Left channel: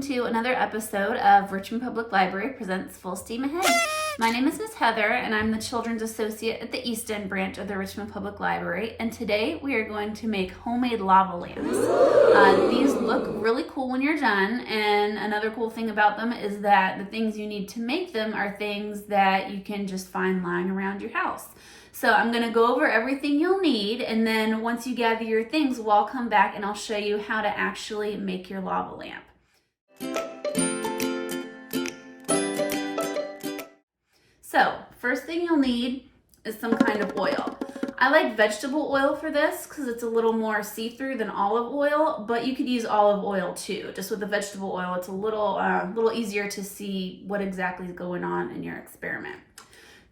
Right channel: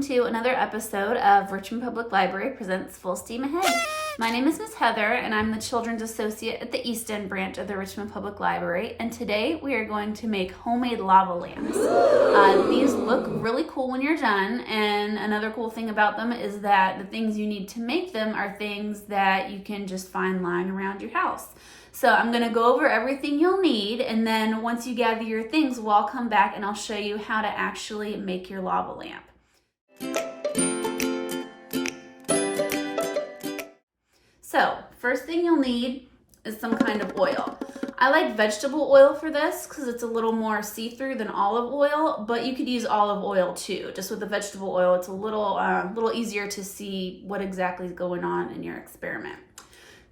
welcome to another episode of Richmond Public Library Presents Full Steam Ahead. My name is Miss Heather and I'm the Children's Associate at the East End branch of the Richmond Public Library, and today we are going to make homemade lava lamps. These look really cool when you're done, and another cool thing about them is that the things you need to make them are things that you can just find lying around your house. So I'm going to go over everything you'll need, and then once you gather your things, we'll all come back and I'll show you how to actually make your lava lamp. So first thing you'll need is some kind of oil. I like vegetable oil for this because it's a little more see-through than olive oil, but you could use olive oil too. Just with the vegetable oil, it's a little easier to see what exactly is going on in your experiment.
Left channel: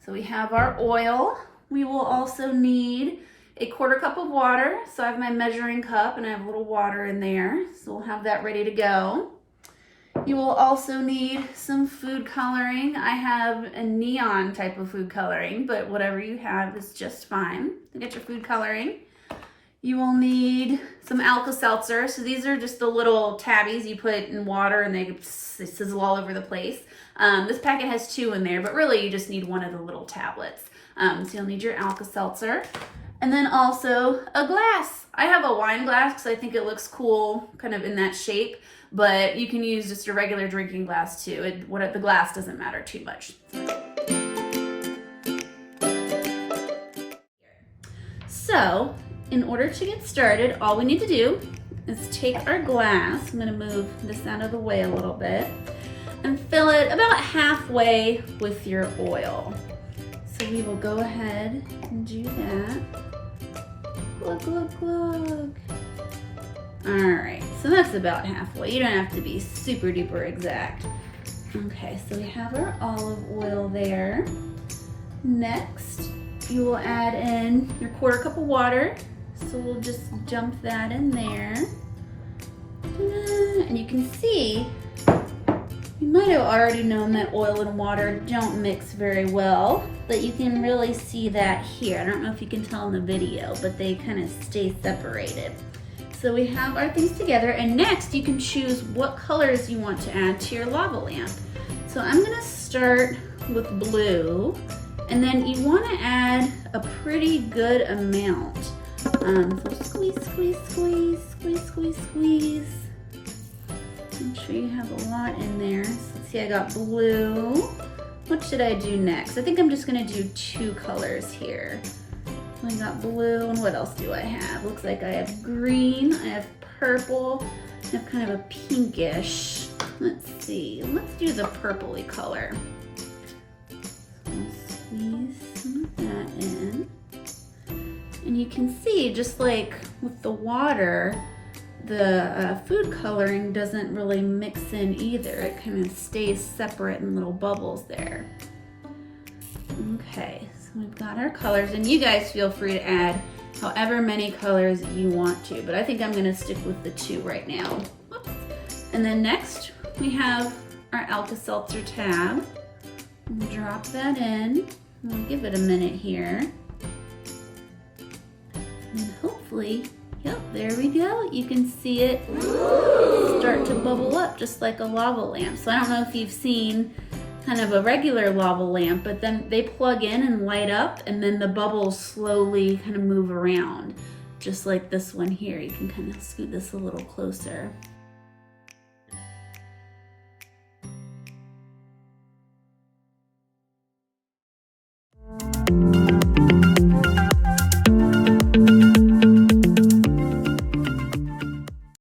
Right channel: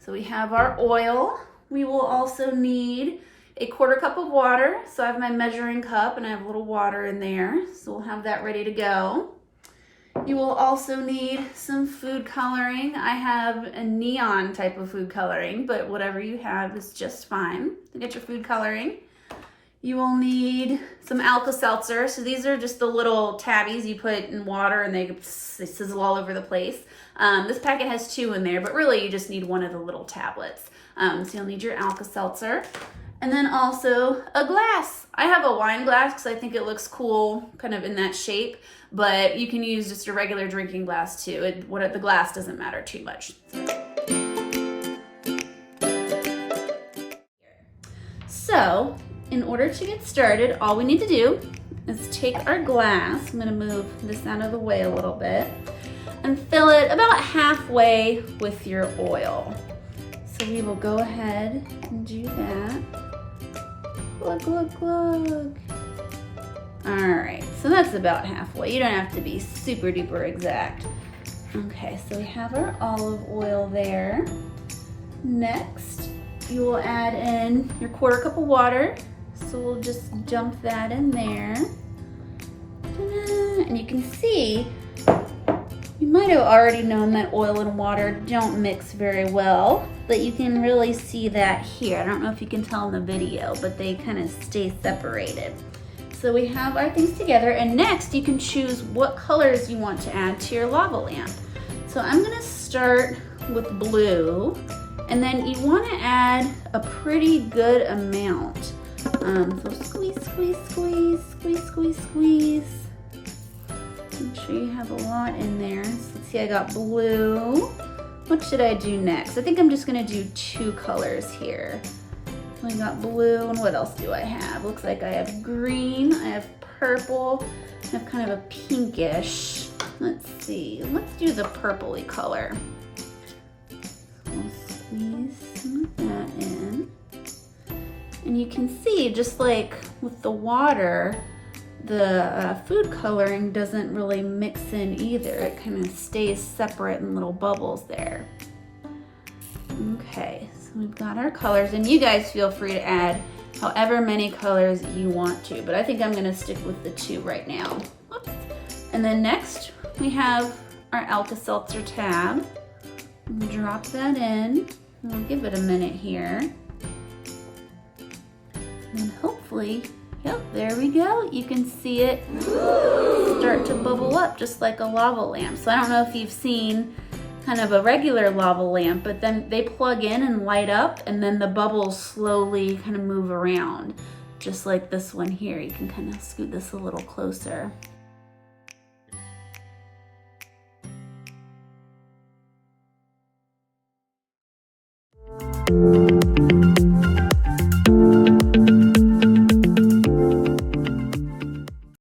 So we have our oil. We will also need a 1/4 cup of water. So I have my measuring cup and I have a little water in there. So we'll have that ready to go. You will also need some food coloring. I have a neon type of food coloring, but whatever you have is just fine to get your food coloring. You will need some Alka-Seltzer. So these are just the little tabbies you put in water and they sizzle all over the place. This packet has 2 in there, but really you just need one of the little tablets. So you'll need your Alka-Seltzer. And then also a glass. I have a wine glass because I think it looks cool kind of in that shape, but you can use just a regular drinking glass too. The glass doesn't matter too much. So in order to get started, all we need to do is take our glass. I'm going to move this out of the way a little bit and fill it about halfway with your oil. So we will go ahead and do that. Glug, glug, glug. All right, so that's about halfway. You don't have to be super duper exact. Okay, so we have our olive oil there. Next, you will add in your 1/4 cup of water. So we'll just dump that in there. And you can see, you might have already known that oil and water don't mix very well, but you can really see that here. I don't know if you can tell in the video, but they kind of stay separated. So we have our things together, and next you can choose what colors you want to add to your lava lamp. So I'm gonna start with blue, and then you wanna add a pretty good amount. So squeeze, squeeze, squeeze, squeeze, squeeze, squeeze. Make sure you have a lot in there. So let's see, I got blue. What should I do next? I think I'm just gonna do 2 colors here. I got blue, and what else do I have? Looks like I have green, I have purple, I have kind of a pinkish. Let's see, let's do the purpley color. So I'll squeeze some of that in. And you can see, just like with the water, the food coloring doesn't really mix in either. It kind of stays separate in little bubbles there. Okay, so we've got our colors, and you guys feel free to add however many colors you want to, but I think I'm gonna stick with the 2 right now. Whoops. And then next, we have our Alka-Seltzer tab. I'm gonna drop that in. We'll give it a minute here. And hopefully, yep, there we go. You can see it start to bubble up just like a lava lamp. So I don't know if you've seen kind of a regular lava lamp, but then they plug in and light up, and then the bubbles slowly kind of move around, just like this one here. You can kind of scoot this a little closer.